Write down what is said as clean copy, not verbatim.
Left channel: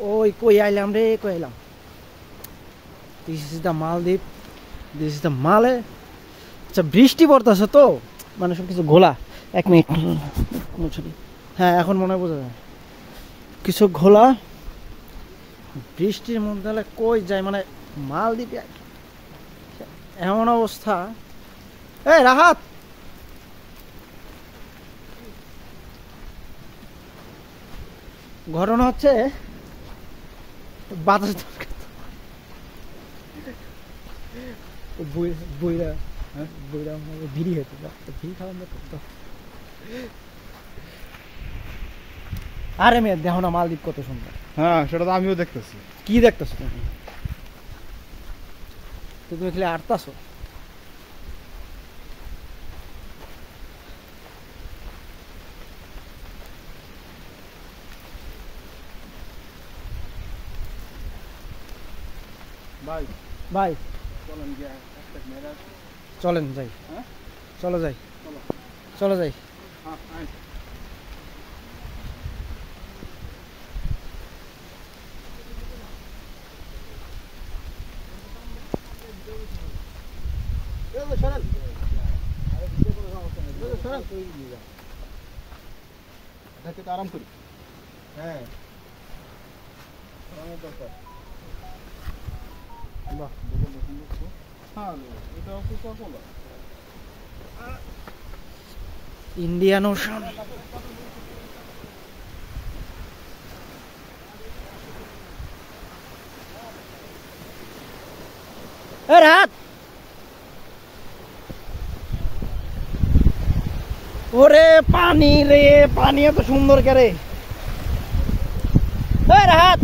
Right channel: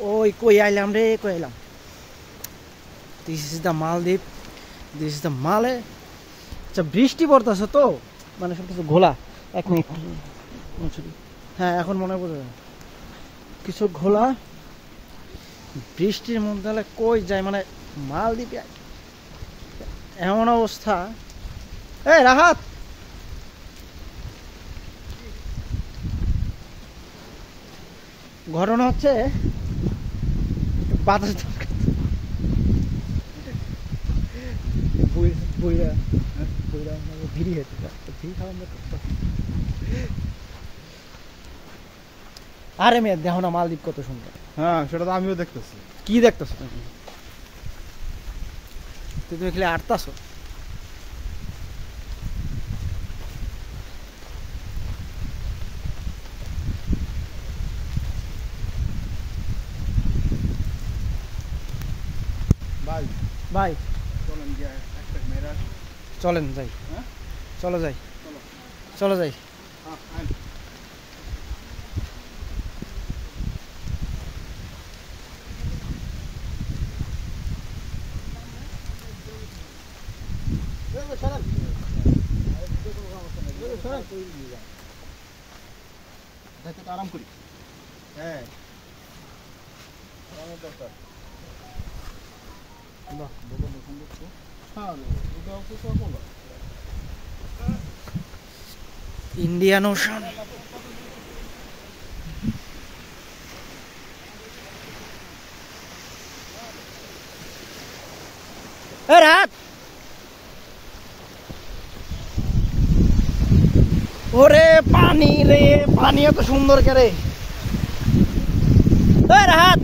ওই কই আইলাম রে, কই আইলাম। দিস ইজ দ্য মালদ্বীপ, দিস ইজ দ্য মালে। আচ্ছা বৃষ্টি পড়তেছে তো, মানে সব কিছু ঘোলা। এক মিনিট, হ্যাঁ এখন মনে হয় বোঝা যায় কিছু ঘোলা। বৃষ্টির মধ্যে কই যায়, মানে মালদ্বীপে এমন অবস্থা। এই রাহাত, ঘটনা হচ্ছে বাতাস দরকার। বইরা বইরা ভিড়ি হয়েছে, ভিড় খাওয়া করতে। আরে মেয়ে দেখো না মালদ্বীপ কত সুন্দর। হ্যাঁ সেটা তো আমিও দেখতেছি। কি দেখতেছো তুমি? তুমি খালি আটতাছো। ভাই ভাই চলেন গিয়ে একটা মেরা। চলেন যাই। হ্যাঁ চলো যাই, চলো চলো যাই। আরাম করি। হ্যাঁ দরকার। বাহ হ্যাঁ এটা কোকা-কোলা। Indian ocean. রাত ওরে পানি রে, পানি এত সুন্দর কে রে। রাত